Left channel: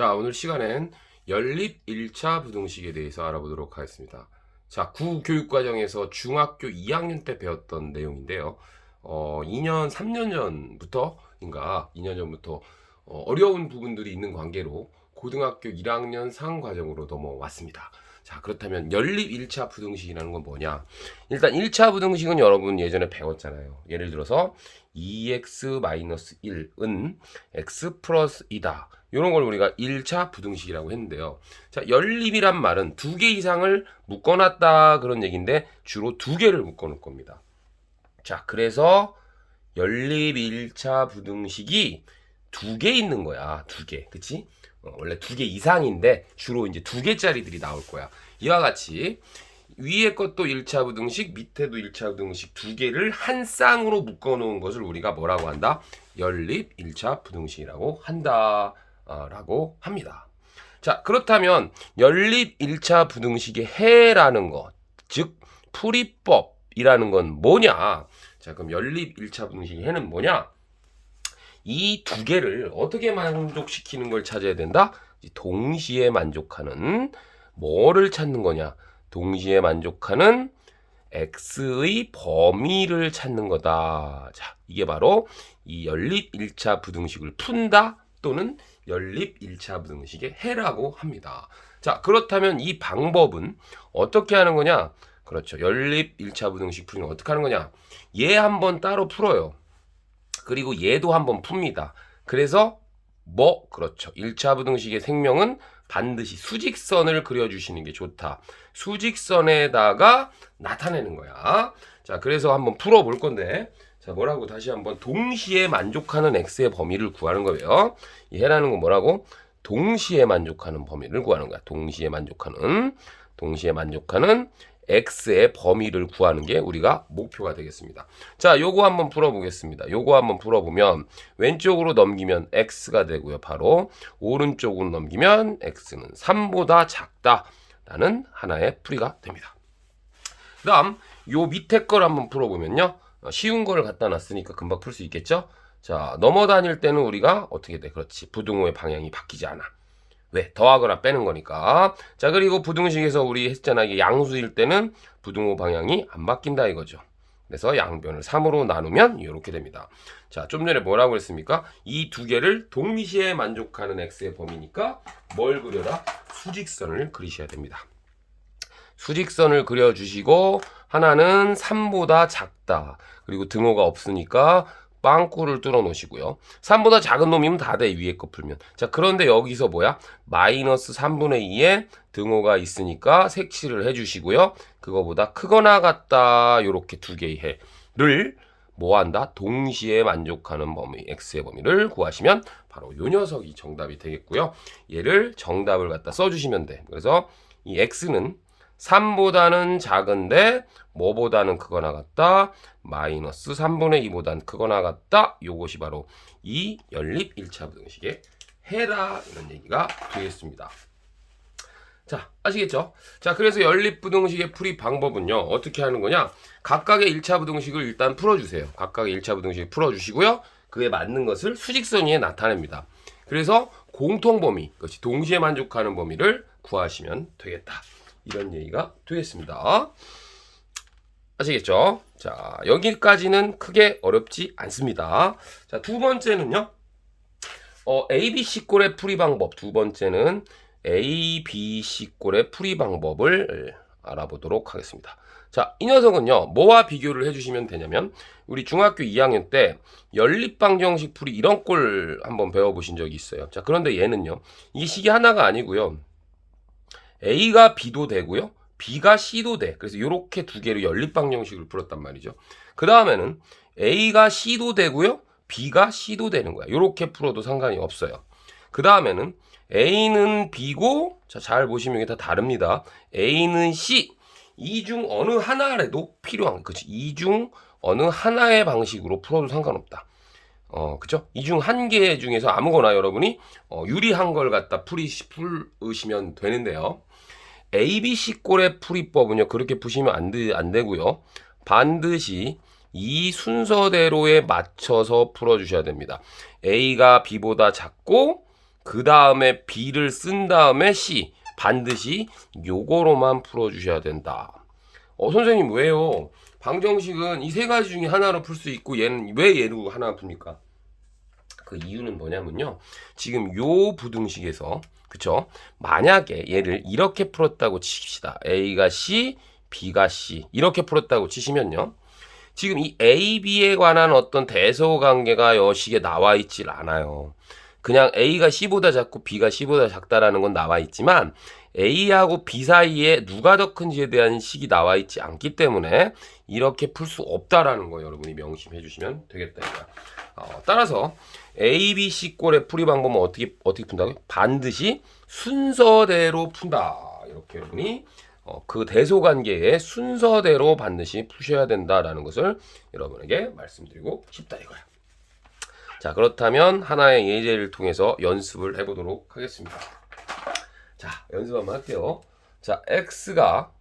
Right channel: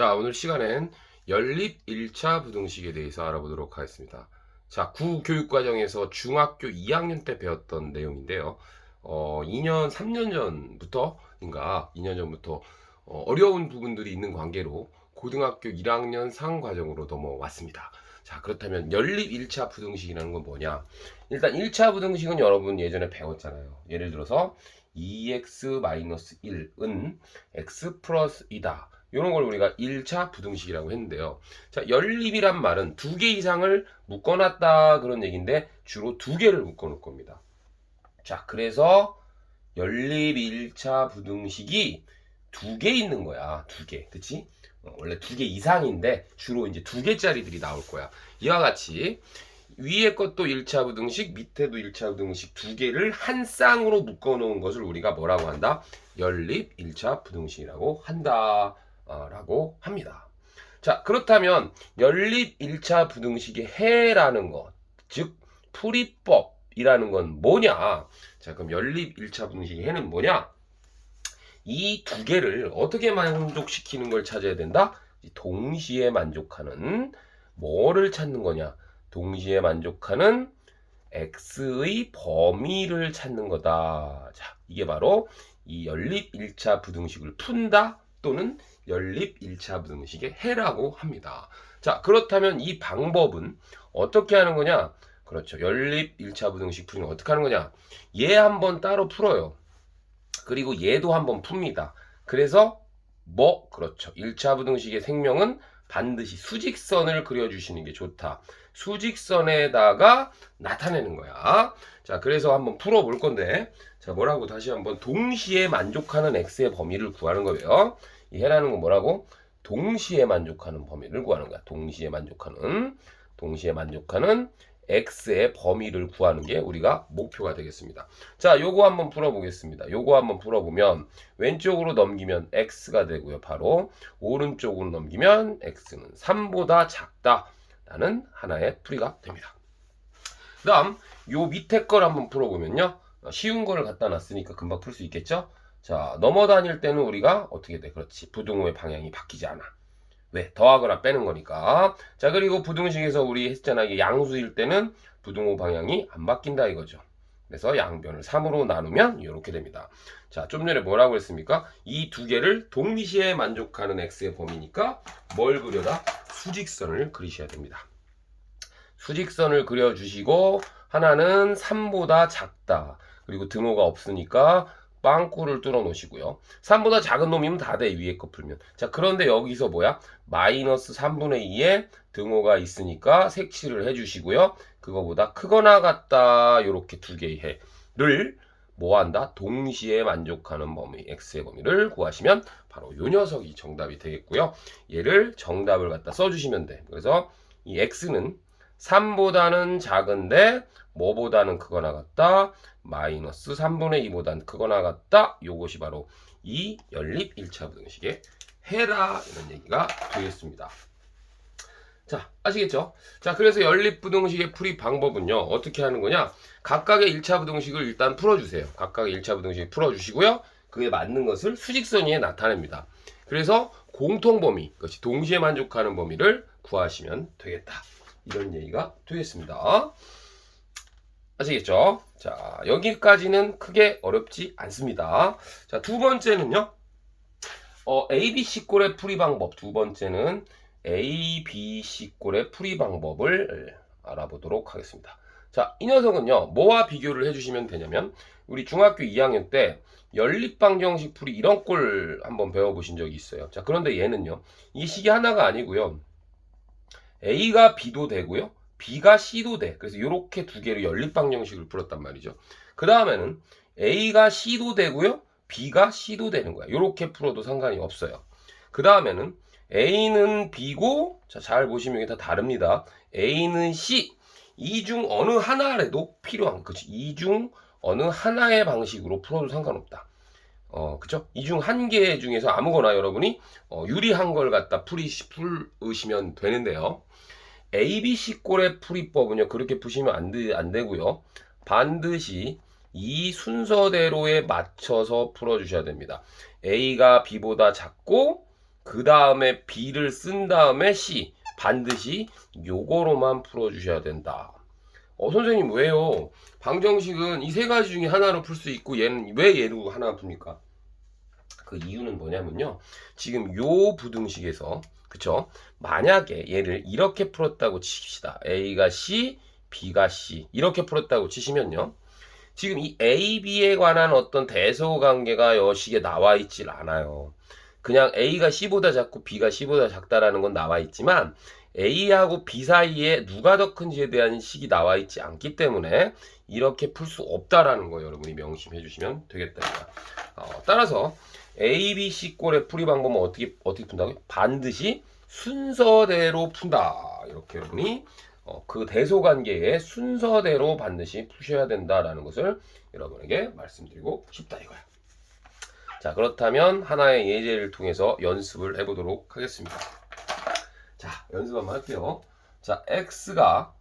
자, 오늘 시간엔 연립 1차 부등식에 대해서 알아보도록 하겠습니다. 자, 구교육과정에서 중학교 2학년 때 배웠던 내용인데요. 2년, 3년 전부터인가, 2년 전부터 어려운 부분들이 있는 관계로 고등학교 1학년 상과정으로 넘어왔습니다. 자, 그렇다면 연립 1차 부등식이라는 건 뭐냐? 일단 1차 부등식은 여러분 예전에 배웠잖아요. 예를 들어서 2x-1은 x 플러스 2다. 이런 걸 우리가 1차 부등식이라고 했는데요. 자, 연립이란 말은 두 개 이상을 묶어놨다 그런 얘기인데 주로 두 개를 묶어놓을 겁니다. 자, 그래서 연립 1차 부등식이 두 개 있는 거야. 두 개. 그치? 원래 두 개 이상인데 주로 이제 두 개짜리들이 나올 거야. 이와 같이 위에 것도 1차 부등식, 밑에도 1차 부등식 두 개를 한 쌍으로 묶어 놓은 것을 우리가 뭐라고 한다? 연립 1차 부등식이라고 한다. 라고 합니다. 자, 그렇다면 연립 1차 부등식의 해라는 것, 즉 풀이법이라는 건 뭐냐? 자, 그럼 연립 1차 부등식의 해는 뭐냐? 이 두 개를 어떻게 만족시키는 걸 찾아야 된다? 동시에 만족하는 뭐를 찾는 거냐? 동시에 만족하는 x의 범위를 찾는 거다. 자, 이게 바로 이 연립 1차 부등식을 푼다 또는 연립 1차 부등식의 해라고 합니다. 자, 그렇다면 이 방법은 어떻게 하는 거냐? 그렇죠. 연립 1차 부등식 풀이는 어떻게 하는 거냐? 얘 한번 따로 풀어요. 그리고 얘도 한번 풉니다. 그래서 그렇죠. 1차 부등식의 생명은 반드시 수직선을 그려주시는 게 좋다. 수직선에다가 나타내는 거야. 자, 그래서 한번 풀어볼 건데, 자, 뭐라고 다시 한번 동시에 만족하는 x의 범위를 구하는 거예요. 이 해라는 건 뭐라고? 동시에 만족하는 범위를 구하는 거야. 동시에 만족하는 x의 범위를 구하는 게 우리가 목표가 되겠습니다. 자, 요거 한번 풀어보겠습니다. 요거 한번 풀어보면 왼쪽으로 넘기면 x가 되고요. 바로 오른쪽으로 넘기면 x는 3보다 작다라는 하나의 풀이가 됩니다. 그 다음 요 밑에 걸 한번 풀어보면요. 쉬운 거를 갖다 놨으니까 금방 풀 수 있겠죠? 자, 넘어다닐 때는 우리가 어떻게 돼? 그렇지. 부등호의 방향이 바뀌지 않아. 왜? 더하거나 빼는 거니까. 자, 그리고 부등식에서 우리 했잖아. 이게 양수일 때는 부등호 방향이 안 바뀐다 이거죠. 그래서 양변을 3으로 나누면 이렇게 됩니다. 자, 좀 전에 뭐라고 했습니까? 이 두 개를 동시에 만족하는 x의 범위니까 뭘 그려다? 수직선을 그리셔야 됩니다. 수직선을 그려주시고 하나는 3보다 작다. 그리고 등호가 없으니까 빵꾸를 뚫어 놓으시고요. 3보다 작은 놈이면 다 돼. 위에 거 풀면. 자, 그런데 여기서 뭐야? 마이너스 3분의 2에 등호가 있으니까 색칠을 해주시고요. 그거보다 크거나 같다. 요렇게 두 개의 해를 뭐한다? 동시에 만족하는 범위, x의 범위를 구하시면 바로 요 녀석이 정답이 되겠고요. 얘를 정답을 갖다 써주시면 돼. 그래서 이 x는 3보다는 작은데 뭐보다는 크거나 같다. 마이너스 3분의 2보다는 크거나 같다. 요것이 바로 이 연립 1차 부등식의 해라 이런 얘기가 되겠습니다. 자, 아시겠죠? 자, 그래서 연립 부등식의 풀이 방법은요. 어떻게 하는 거냐? 각각의 1차 부등식을 일단 풀어주세요. 각각의 1차 부등식을 풀어주시고요. 그에 맞는 것을 수직선 위에 나타냅니다. 그래서 공통범위, 그것이 동시에 만족하는 범위를 구하시면 되겠다. 이런 얘기가 되겠습니다. 아시겠죠? 자, 여기까지는 크게 어렵지 않습니다. 자, 두 번째는요. ABC꼴의 풀이 방법. 두 번째는 ABC꼴의 풀이 방법을 알아보도록 하겠습니다. 자, 이 녀석은요. 뭐와 비교를 해주시면 되냐면 우리 중학교 2학년 때 연립방정식 풀이 이런 꼴 한번 배워보신 적이 있어요. 자, 그런데 얘는요. 이 식이 하나가 아니고요. A가 B도 되고요. B가 C도 돼. 그래서 이렇게 두 개로 연립방정식을 풀었단 말이죠. 그 다음에는 A가 C도 되고요. B가 C도 되는 거야. 이렇게 풀어도 상관이 없어요. 그 다음에는 A는 B고, 자, 잘 보시면 이게 다 다릅니다. A는 C. 이 중 어느 하나라도 필요한, 그치? 이 중 어느 하나의 방식으로 풀어도 상관없다. 그쵸? 이 중 한 개 중에서 아무거나 여러분이 유리한 걸 갖다 풀으시면 되는데요. ABC꼴의 풀이법은요. 그렇게 푸시면 안 되고요. 반드시 이 순서대로에 맞춰서 풀어주셔야 됩니다. A가 B보다 작고 그 다음에 B를 쓴 다음에 C. 반드시 요거로만 풀어주셔야 된다. 선생님 왜요? 방정식은 이 세 가지 중에 하나로 풀 수 있고 얘는 왜 얘로 하나 풉니까? 그 이유는 뭐냐면요. 지금 요 부등식에서 그쵸? 만약에 얘를 이렇게 풀었다고 칩시다. A가 C, B가 C 이렇게 풀었다고 치시면요. 지금 이 A, B에 관한 어떤 대소관계가 여식에 나와 있질 않아요. 그냥 A가 C보다 작고 B가 C보다 작다라는 건 나와 있지만 A하고 B 사이에 누가 더 큰지에 대한 식이 나와 있지 않기 때문에 이렇게 풀 수 없다라는 거 여러분이 명심해 주시면 되겠다. 따라서 A, B, C 꼴의 풀이 방법은 어떻게 푼다고요? 반드시 순서대로 푼다. 이렇게 여러분이 그 대소관계의 순서대로 반드시 푸셔야 된다라는 것을 여러분에게 말씀드리고 싶다 이거야. 자, 그렇다면 하나의 예제를 통해서 연습을 해보도록 하겠습니다. 자, 연습 한번 할게요. 자, x가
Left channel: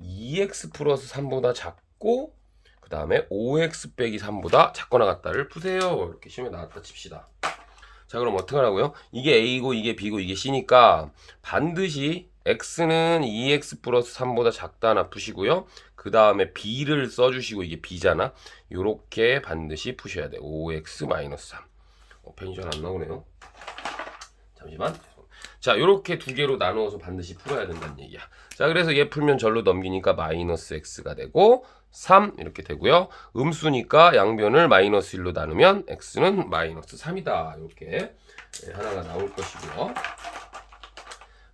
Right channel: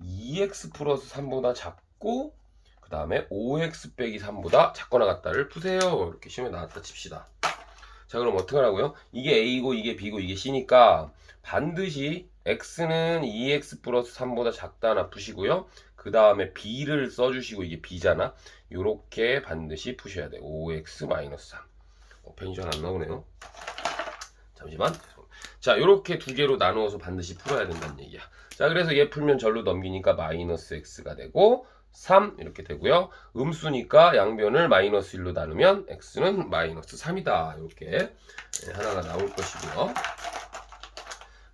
2x 플러스 3보다 작고 그 다음에 5x 빼기 3보다 작거나 같다를 푸세요. 이렇게 시험에 나왔다 칩시다. 자, 그럼 어떻게 하라고요? 이게 a고 이게 b고 이게 c니까 반드시 x는 2x 플러스 3보다 작다나 푸시고요. 그 다음에 b를 써주시고 이게 b잖아. 요렇게 반드시 푸셔야 돼. 5x 마이너스 3. 편이 잘 안 나오네요. 잠시만. 자, 요렇게 두 개로 나누어서 반드시 풀어야 된다는 얘기야. 자, 그래서 얘 풀면 절로 넘기니까 마이너스 x가 되고 3 이렇게 되고요. 음수니까 양변을 마이너스 1로 나누면 x는 마이너스 3이다. 이렇게 하나가 나올 것이고요.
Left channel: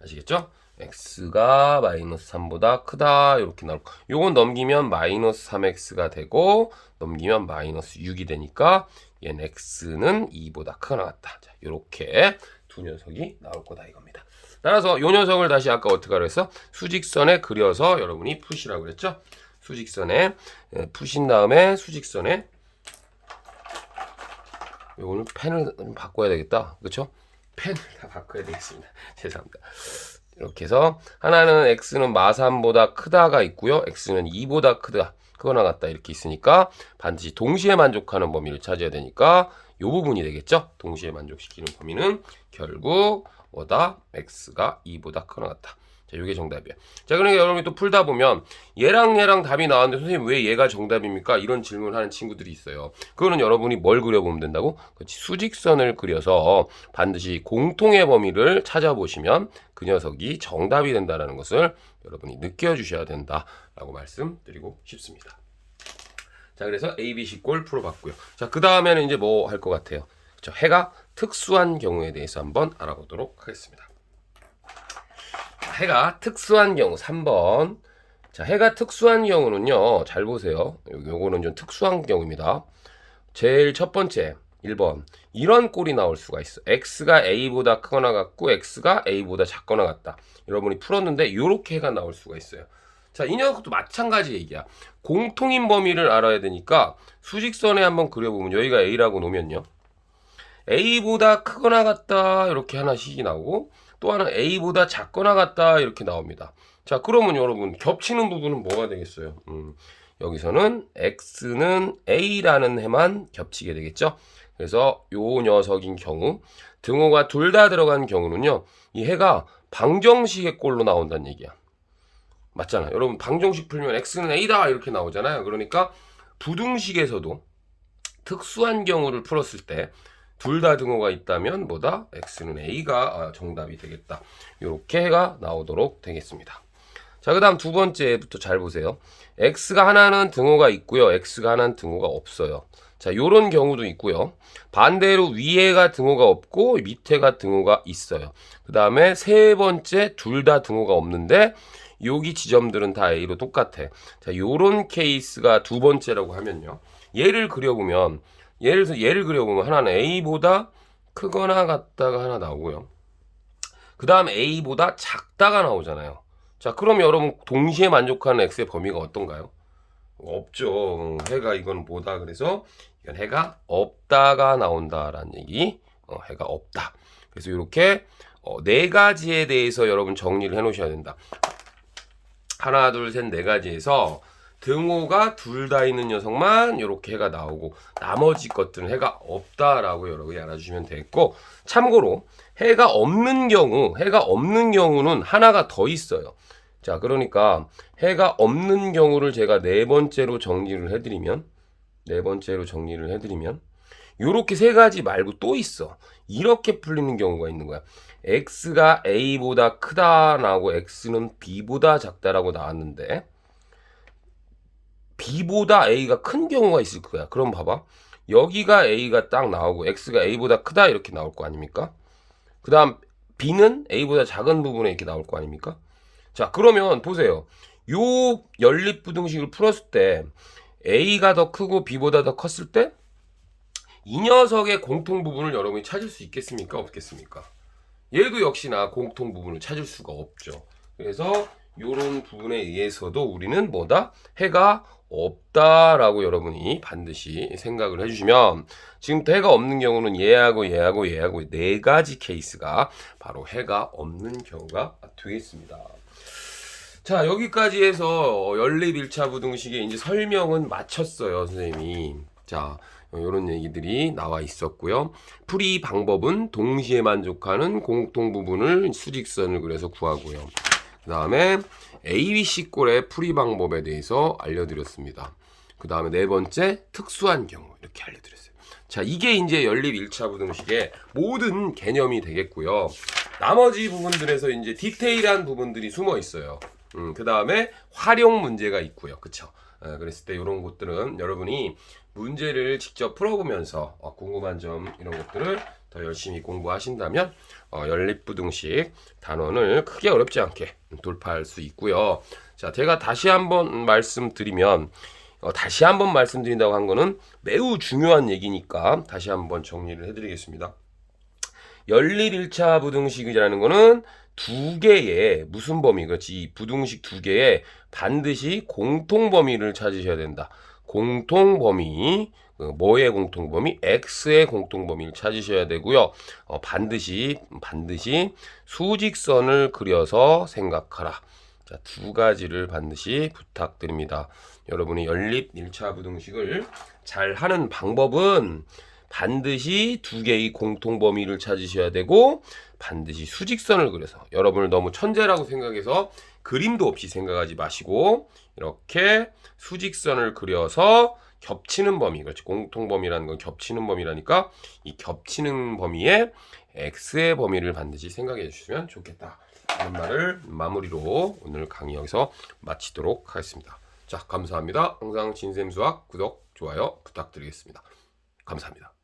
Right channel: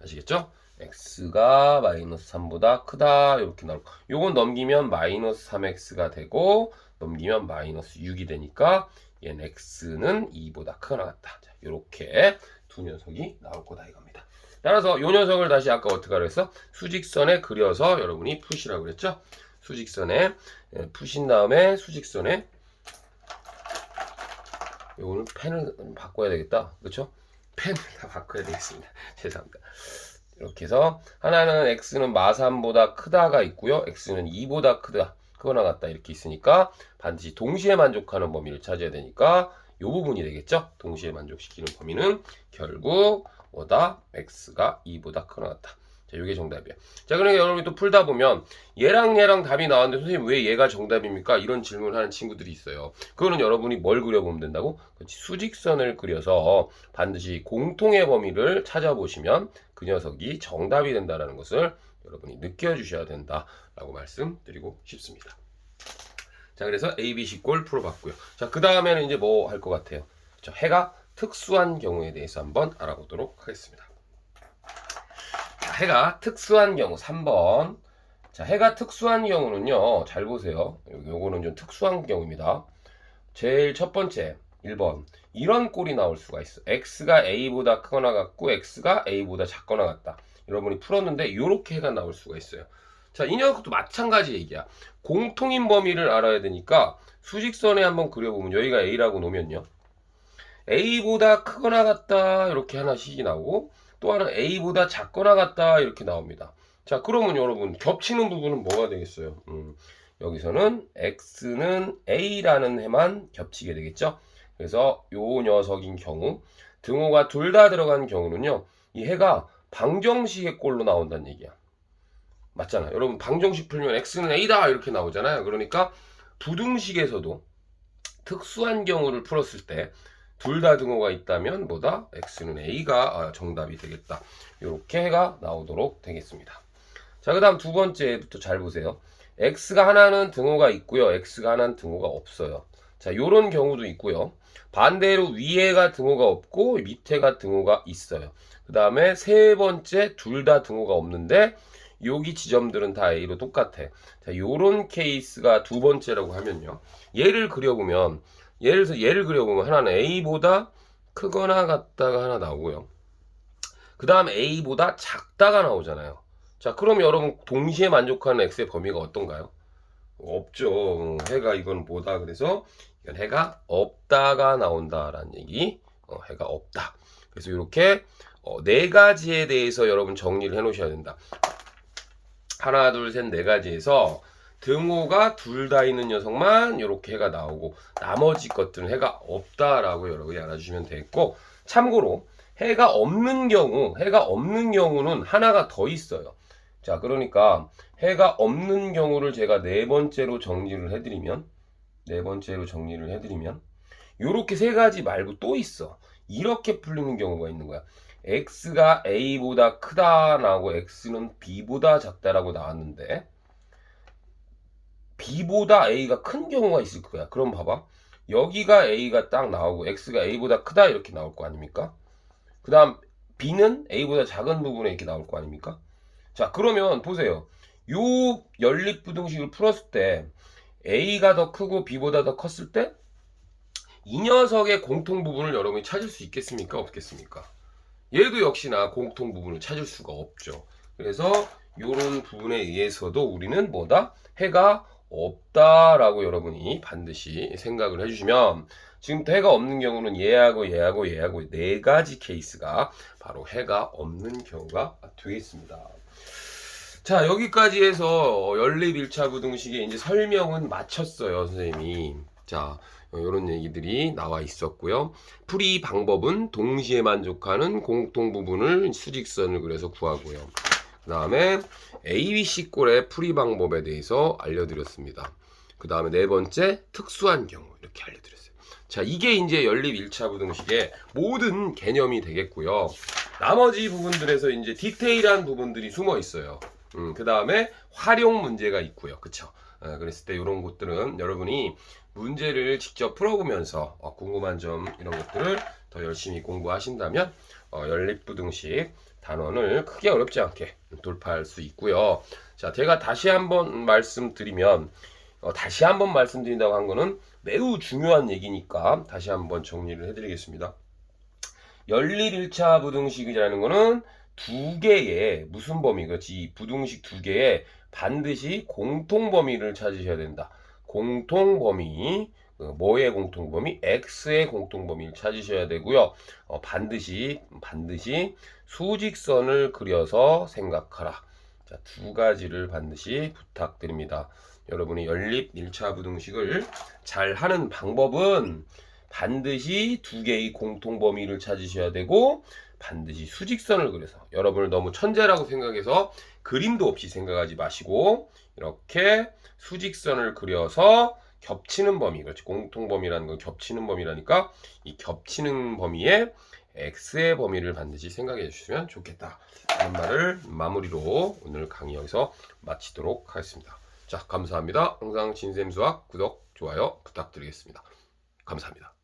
아시겠죠? x가 마이너스 3보다 크다. 이렇게 나올 거. 요건 넘기면 마이너스 3x가 되고 넘기면 마이너스 6이 되니까 얘는 x는 2보다 크거나 같다. 자, 이렇게 두 녀석이 나올 거다 이겁니다. 따라서 이 녀석을 다시 아까 어떻게 하라 했어? 수직선에 그려서 여러분이 푸시라고 그랬죠? 수직선에 푸신 다음에 수직선에 오늘 펜을 좀 바꿔야 되겠다. 그렇죠? 펜을 다 바꿔야 되겠습니다. 죄송합니다. 이렇게 해서 하나는 x는 마3보다 크다가 있고요. x는 2보다 크거나 같다 이렇게 있으니까 반드시 동시에 만족하는 범위를 찾아야 되니까 이 부분이 되겠죠. 동시에 만족시키는 범위는 결국 뭐다? x가 2보다 크거나 같다. 자, 이게 정답이야. 자, 그러니까 여러분이 또 풀다 보면 얘랑 답이 나왔는데 선생님 왜 얘가 정답입니까? 이런 질문을 하는 친구들이 있어요. 그거는 여러분이 뭘 그려보면 된다고? 그렇지, 수직선을 그려서 반드시 공통의 범위를 찾아보시면 그 녀석이 정답이 된다는 것을 여러분이 느껴주셔야 된다라고 말씀드리고 싶습니다. 자, 그래서 ABC 꼴 풀어봤고요. 자, 그 다음에는 이제 뭐 할 것 같아요? 그렇죠? 해가 특수한 경우에 대해서 한번 알아보도록 하겠습니다. 자, 해가 특수한 경우 3번. 자, 해가 특수한 경우는요, 잘 보세요. 요거는 좀 특수한 경우입니다. 제일 첫 번째 1번 이런 꼴이 나올 수가 있어. x가 a보다 크거나 같고 x가 a보다 작거나 같다. 여러분이 풀었는데 이렇게 해가 나올 수가 있어요. 자, 이 녀석도 마찬가지 얘기야. 공통인 범위를 알아야 되니까 수직선에 한번 그려보면 여기가 a라고 놓으면요, a보다 크거나 같다 이렇게 하나씩이 나오고 또 하나 a보다 작거나 같다 이렇게 나옵니다. 자, 그러면 여러분 겹치는 부분은 뭐가 되겠어요? 여기서는 x는 a라는 해만 겹치게 되겠죠. 그래서 요 녀석인 경우 등호가 둘 다 들어간 경우는요, 이 해가 방정식의 꼴로 나온다는 얘기야. 맞잖아. 여러분 방정식 풀면 x는 a다 이렇게 나오잖아요. 그러니까 부등식에서도 특수한 경우를 풀었을 때 둘 다 등호가 있다면 뭐다? x는 a가 정답이 되겠다. 이렇게 해가 나오도록 되겠습니다. 자, 그 다음 두 번째부터 잘 보세요. x가 하나는 등호가 있고요, x가 하나는 등호가 없어요. 자, 요런 경우도 있고요. 반대로 위에가 등호가 없고 밑에가 등호가 있어요. 그 다음에 세 번째 둘 다 등호가 없는데 여기 지점들은 다 a로 똑같아. 자, 요런 케이스가 두 번째라고 하면요, 얘를 그려보면 하나는 a보다 크거나 같다가 하나 나오고요, 그 다음 a보다 작다가 나오잖아요. 자, 그럼 여러분 동시에 만족하는 x의 범위가 어떤가요? 없죠. 해가 이건 뭐다? 그래서 이건 해가 없다가 나온다라는 얘기. 해가 없다. 그래서 이렇게 네 가지에 대해서 여러분 정리를 해 놓으셔야 된다. 하나, 둘, 셋, 네 가지에서 등호가 둘 다 있는 녀석만 이렇게 해가 나오고 나머지 것들은 해가 없다라고 여러분이 알아주시면 되겠고, 참고로 해가 없는 경우는 하나가 더 있어요. 자, 그러니까 해가 없는 경우를 제가 네 번째로 정리를 해드리면 요렇게 세 가지 말고 또 있어. 이렇게 풀리는 경우가 있는 거야. x가 a보다 크다 나오고 x는 b보다 작다라고 나왔는데 b보다 a가 큰 경우가 있을 거야. 그럼 봐봐. 여기가 a가 딱 나오고 x가 a보다 크다 이렇게 나올 거 아닙니까? 그 다음 b는 a보다 작은 부분에 이렇게 나올 거 아닙니까? 자, 그러면 보세요. 요 연립부등식을 풀었을 때 a가 더 크고 b보다 더 컸을 때 이 녀석의 공통 부분을 여러분이 찾을 수 있겠습니까? 없겠습니까? 얘도 역시나 공통 부분을 찾을 수가 없죠. 그래서 이런 부분에 의해서도 우리는 뭐다? 해가 없다라고 여러분이 반드시 생각을 해주시면 지금부터 해가 없는 경우는 얘하고 네 가지 케이스가 바로 해가 없는 경우가 되겠습니다. 자, 여기까지 해서 연립 1차 부등식의 이제 설명은 마쳤어요, 선생님이. 자, 이런 얘기들이 나와 있었고요. 풀이 방법은 동시에 만족하는 공통 부분을 수직선을 그려서 구하고요. 그 다음에 ABC 꼴의 풀이 방법에 대해서 알려드렸습니다. 그 다음에 네 번째 특수한 경우 이렇게 알려드렸어요. 자, 이게 이제 연립 1차 부등식의 모든 개념이 되겠고요. 나머지 부분들에서 이제 디테일한 부분들이 숨어 있어요. 그 다음에 활용 문제가 있고요. 그쵸? 그랬을 때 이런 것들은 여러분이 문제를 직접 풀어보면서 궁금한 점 이런 것들을 더 열심히 공부하신다면 연립부등식 단원을 크게 어렵지 않게 돌파할 수 있고요. 자, 제가 다시 한번 말씀드린다고 한 거는 매우 중요한 얘기니까 다시 한번 정리를 해드리겠습니다. 연립 1차 부등식이라는 거는 두 개의 무슨 범위, 그렇지? 이 부등식 두 개의 반드시 공통범위를 찾으셔야 된다. 공통범위, 뭐의 공통범위? x의 공통범위를 찾으셔야 되고요. 반드시 수직선을 그려서 생각하라. 자, 두 가지를 반드시 부탁드립니다. 여러분이 연립 1차 부등식을 잘 하는 방법은 반드시 두 개의 공통범위를 찾으셔야 되고 반드시 수직선을 그려서 여러분을 너무 천재라고 생각해서 그림도 없이 생각하지 마시고 이렇게 수직선을 그려서 겹치는 범위, 그렇지? 공통범위라는 건 겹치는 범위라니까 이 겹치는 범위에 x의 범위를 반드시 생각해 주시면 좋겠다 하는 말을 마무리로 오늘 강의 여기서 마치도록 하겠습니다. 자, 감사합니다. 항상 진쌤수학 구독, 좋아요 부탁드리겠습니다. 감사합니다.